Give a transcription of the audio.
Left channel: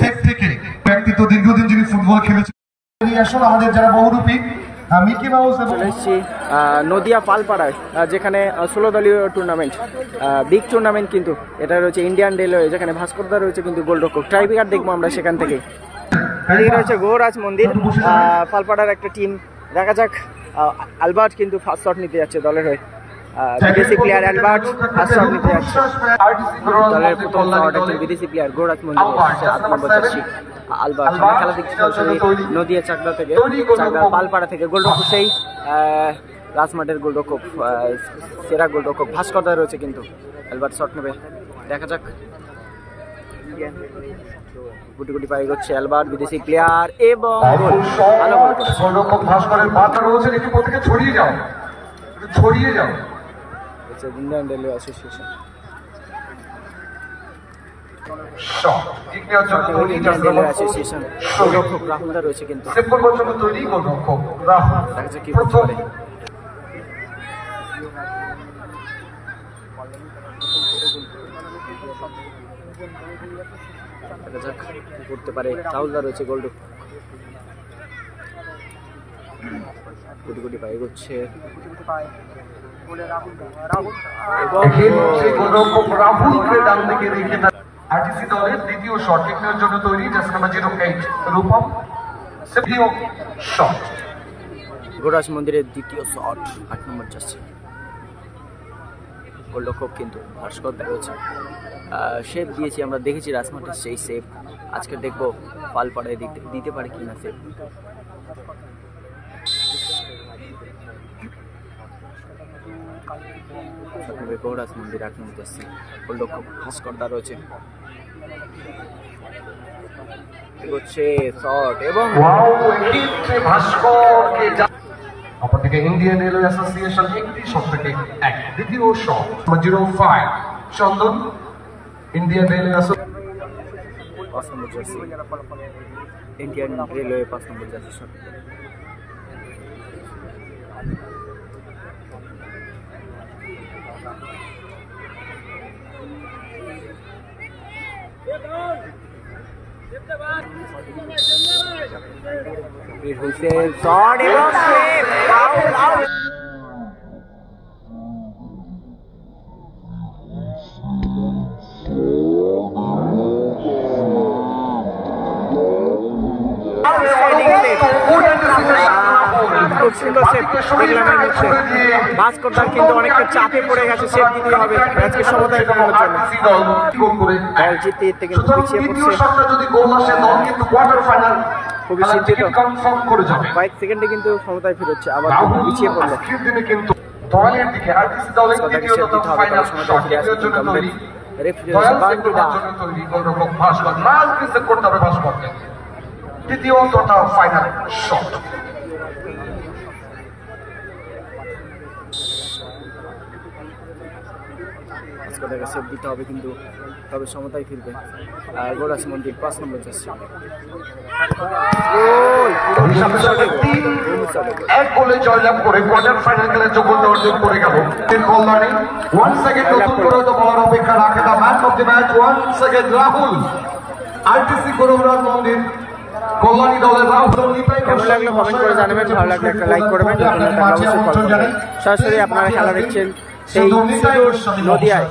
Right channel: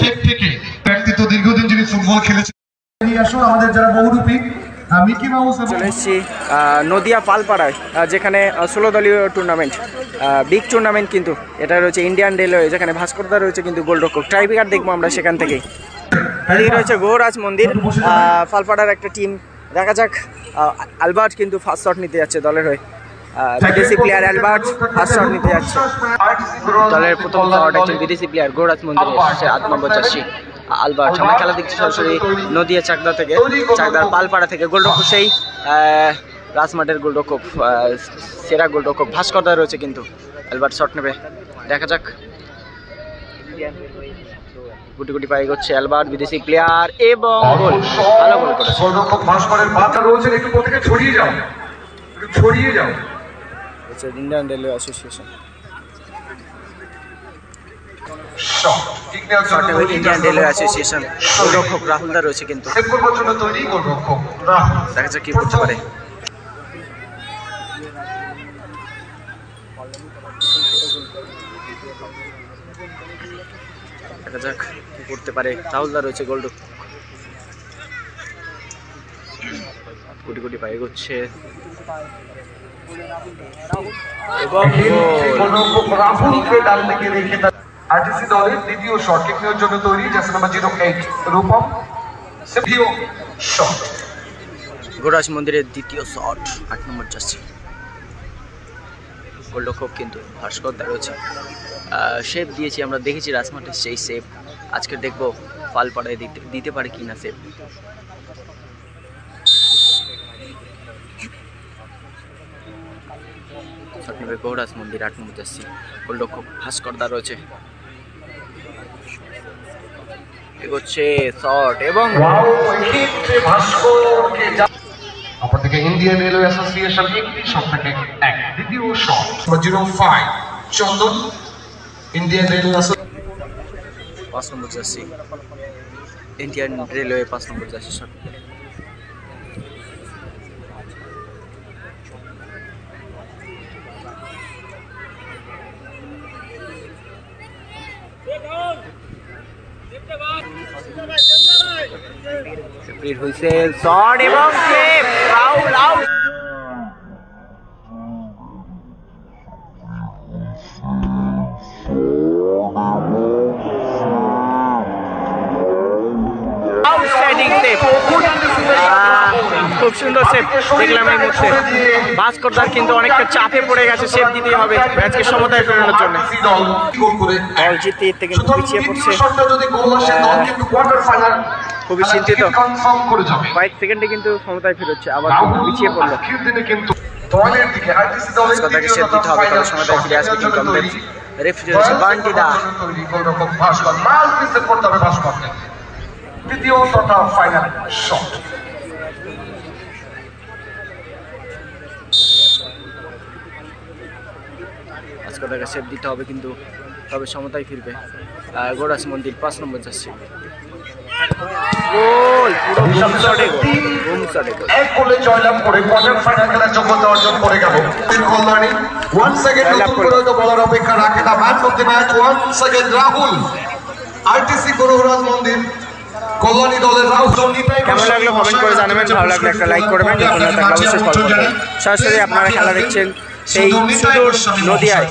Set থেকে ব্যক্তিত্ব দীর্ঘদিন যিনি ফুটবল খেলেছেন আমাদের যারা বহুরূপী মিকি মাউস। চলে এসেছি নদিয়া পালপাড়ায়, যেখানে 16 দলীয় টুর্নামেন্ট, বিগ টুর্নামেন্ট কিন্তু এটা রয়েছে ইন্ডিয়ান রেলওয়ে, যেখানে ভাস্করদা রয়েছে কিন্তু গোলরক্ষক। ট্রাইব্রেকার দেখবো আমরা সেখান থেকে। এদিকে রয়েছে গৌরাজ মন্দির, পালপাড়ার একটা টিম। দেখা যাক, অ্যালবার্ট কিন্তু ফার্স্ট শট নিতে যাচ্ছে দলের হয়ে। বিদেশি প্লেয়ার অ্যালবার্ট ফার্স্ট শট নিতে যাচ্ছে। দলের প্রথম শট একজন বিদেশি প্লেয়ার গৌরাজ মন্দিরের 8 নম্বর জার্সি আলবার্ট। আমরা খেলা দেখছি সরাসরি নদিয়া চাকদা থেকে, চাকদার পালপাড়া থেকে। গোলরক্ষক সেই রাজমাঠের গোলরক্ষক, সেরা গোলরক্ষক ভাস্করদা রয়েছে কিন্তু। অ্যালবার্ট শট নেবে, দেখা যাক। গুটি গুটি পায়ে গেছে অ্যালবার্ট, বিদেশি প্লেয়ার, এবং গোল। ভালো গোল করেছে গোলরক্ষক ভাস্করের পাতা রয়েছে, একটু প্রত্যেকে ছড়িয়ে যাও, একটু ছড়িয়ে যাও। হচ্ছে Indian railway association. Indian railway association গোলরক্ষক রাহুলদা রয়েছে কিন্তু। দেখা যাক কি করতে পারে। দেখা যাক কি করতে পারে। রাহুলদা রয়েছে গোলরক্ষক। গুটি গুটি পায়ে এগোচ্ছে এবং আরটিসি দলের দ্বিতীয় শট কিক নেওয়ার জন্য তৈরি, জার্সি নাম্বার 08 রূপম। দ্বিতীয় শট গৌরাজ মন্দিরের দ্বিতীয় শট, 8 নম্বর জার্সি। গোলরক্ষক কিন্তু ভাস্করদা রয়েছে। শেপ দিয়েছি আমরা, দেখেছি রাজমাঠের সেই শেপ। আজকে দেখবো পালপাড়ায় দিতে পারে কিনা শেপ। গৌরাজ মন্দির 8 নম্বর জার্সি। গোলরক্ষক ভাস্করদা রয়েছে। এগোচ্ছে শট এবং অপরদিকে ইন্ডিয়ান রেলওয়ে অ্যাসোসিয়েশন একটি শট থেকে 1। দ্বিতীয় শট 05 চন্দন, ইন্ডিয়ান রেলওয়ে অ্যাসোসিয়েশন 5 নম্বর জার্সি। ইন্ডিয়ান রেলওয়ে 5 নম্বর জার্সি শট। হুইসেল, শট এবং save, foul, out. Outstanding save, খুব সুন্দর সেভ দেখলাম এই মুহূর্তে। ভাস্করদার কিন্তু অনেকটা চাপে পড়ে গেছে, সেভ দিতেই হবে ম্যাচকে সমতায় ফেরানোর জন্য। দল জিততে জিততে কিন্তু পিছিয়ে পড়ছে, খুবই চিন্তিত। কয়েক সেকেন্ডে কিন্তু ক্ষমতায় ফিরছে, আবার পিছিয়ে পড়লো। ভাস্করদাকে সেভ দিতে হবে, তবে সমতায় ফিরে আসবে কিন্তু আমাদের রেফারি হচ্ছে বান্টিদা। দ্বিতীয় তথা ফাইনাল শট ভাস্করদাকে সেভ দিতে হবে কিন্তু, তবে সমতায় ফিরবে গৌরাজ মন্দির 5 নম্বর জার্সি। গোল, পুরো বুম শটে গোল, বুম শটে গোল। এক গোলে জয়লাভ করে কোয়ার্টার ফাইনাল খেলার যোগ্যতা অর্জন করে গেল কল্যাণী। 1 সেকেন্ড তো বলার অপেক্ষা রাখে না। Match of the match 1 second Rahul, RTC Gouraj Mandir Kalyani দলের রাহুল। কেমন লাগলো কমেন্ট করে জানাবেন, ভালো লাগলে একটা লাইক করবেন, অবশ্যই ফলো করবেন। সরাসরি আপনারা খেলা দেখছেন সেই সুদূর নদিয়ায়।